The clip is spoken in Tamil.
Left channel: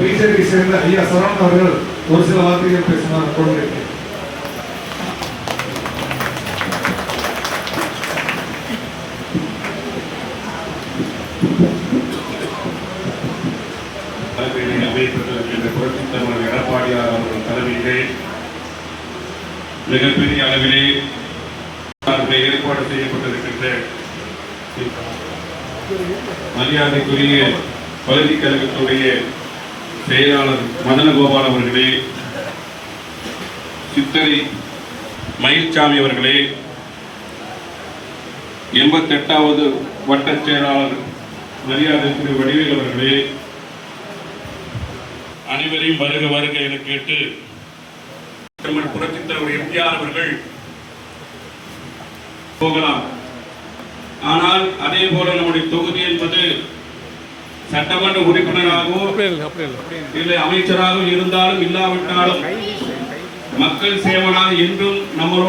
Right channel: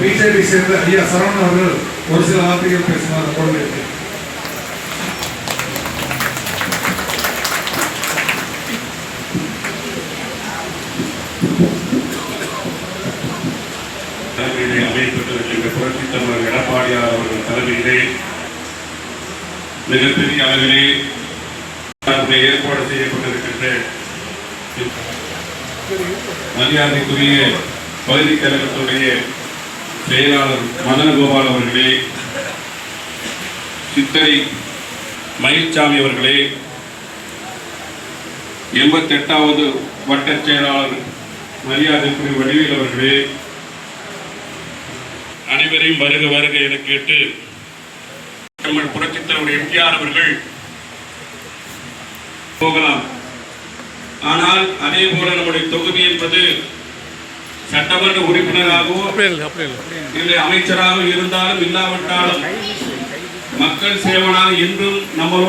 பிஜேபி சேர்ந்த ஐயா சரவணன் அவர்கள் ஒரு சில வார்த்தைகள் பேசுமாறு கொண்டிருக்கிறேன். புரட்சித் தலைவர் எடப்பாடியார் அவர்கள் தலைமையிலே மிகப்பெரிய அளவிலே ஏற்பாடு செய்யப்பட்டிருக்கின்ற மரியாதைக்குரிய பகுதி கழகத்துடைய செயலாளர் மதனகோபால் அவர்களே, சித்தரி மயில்சாமி அவர்களே, 88வது வட்டச் செயலாளர் மரியாதைக்குரிய வடிவேல் அவர்களே, அனைவரையும் வருக வருக என கேட்டு புரட்சித் தலைவர் எம்ஜிஆர் அவர்கள் போகலாம். ஆனால் அதே போல நம்முடைய தொகுதி என்பது சட்டமன்ற உறுப்பினராகவோ இல்லை அமைச்சராக இருந்தாலும் இல்லாவிட்டாலும் மக்கள் சேவனாக என்றும் நம்மளோட